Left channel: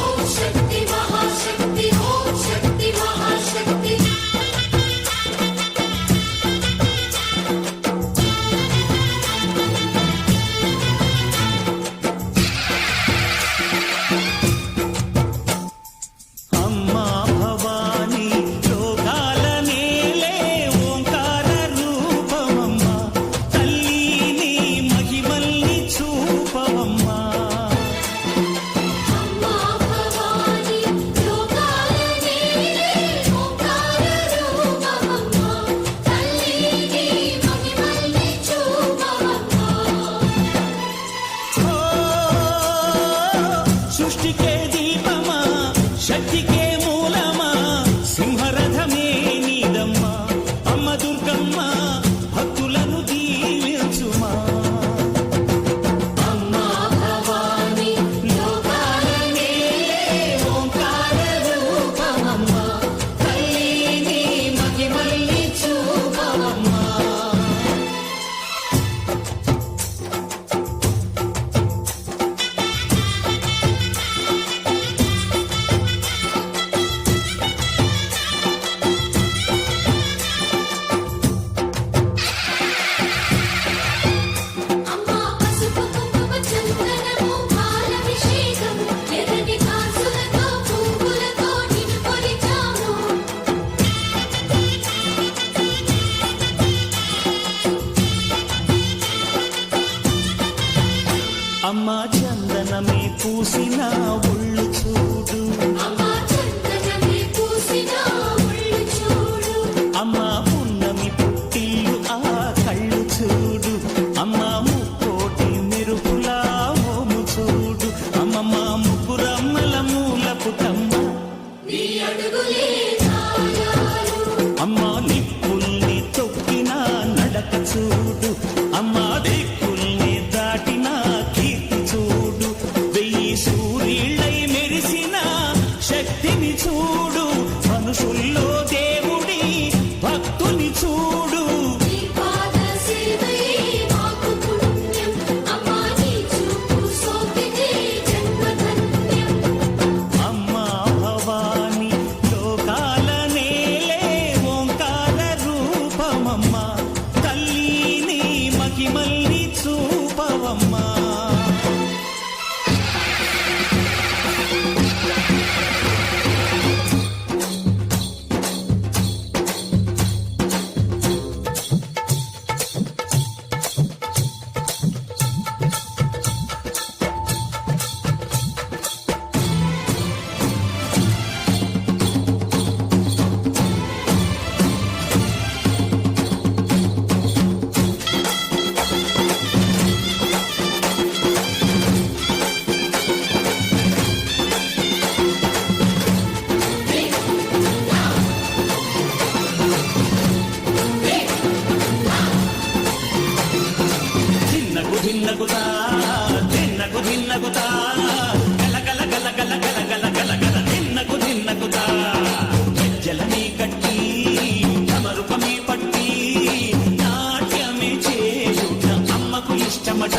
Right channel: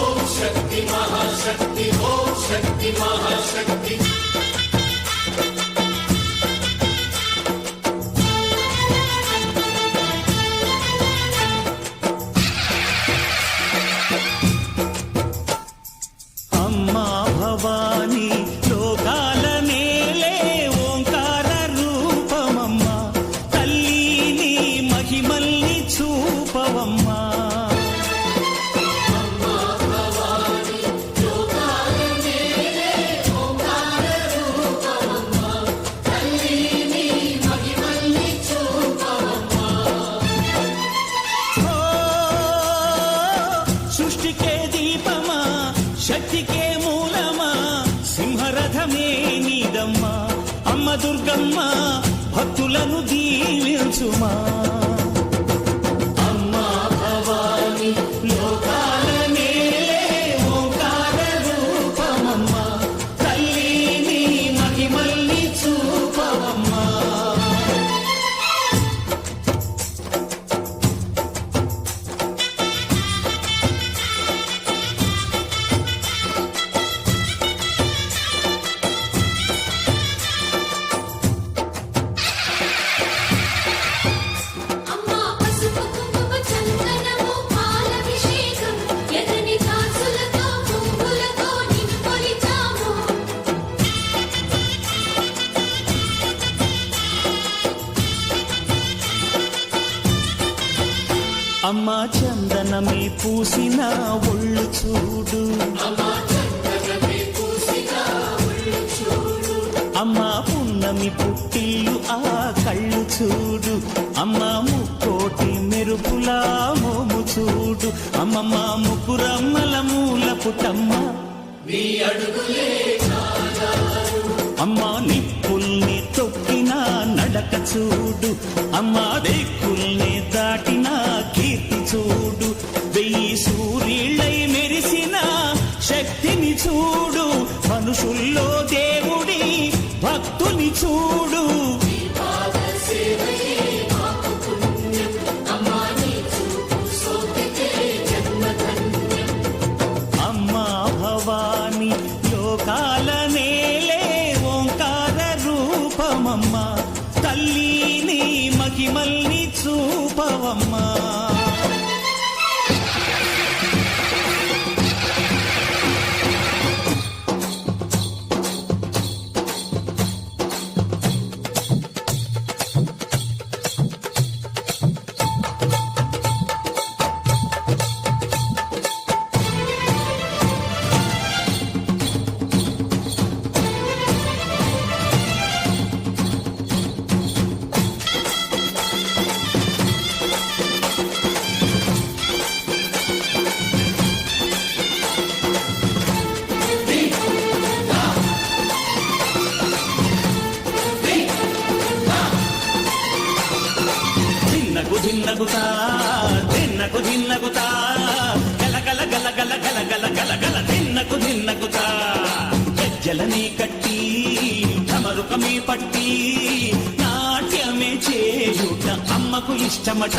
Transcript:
ఓం శక్తి మహాశక్తి, ఓం శక్తి మహాశక్తి. అమ్మా భవానీ లోకాల నేలే ఓంకార రూపమమ్మా, తల్లిని మహిమల్ని చూపవమ్మా. సృష్టికే దీపమా, శక్తికే మూలమా, సింహరథమే నీదమ్మా. అమ్మ దుర్గమ్మ భక్తులను దీవించుమా. అమ్మా భవానీ లోకాల నేలే ఓంకార రూపమమ్మా, తల్లిని మహిమల్ని చూపవమ్మా. అమ్మా చందనమే పూసిన ఒళ్ళు చూడు, అమ్మా పున్నమి పుట్టిల్లు ఆ కళ్ళు చూడు, అమ్మా ముక్కోటి మెరుపులా మోము చూడు. అమ్మమ్మ ముగ్గురమ్మల మూల పుట్టమ్మ, అమ్మా నిప్పుల్ని తొక్కిన నడక చూడు, అమ్మా దిక్కుల్ని దాటిన కీర్తి చూడు. 1000 సూర్యుళ్ళై మెరిసిన శక్తిని చూడు, మనుషుల్లో దేవుడి భక్తుని చూడు. అమ్మా భవానీ లోకాల నేలే ఓంకార రూపమమ్మా, తల్లిని మహిమల్ని చూపవమ్మా. ధిన్నగుతా ధిన్నకు ధిన్నగుతా, గల గల గల గల గల గల గల గల ధిన్నగుతా. గజ్జలనే కట్టి తమరుపమే పట్టి నాట్యమే చేయుట అమ్మకు ఇష్టమట.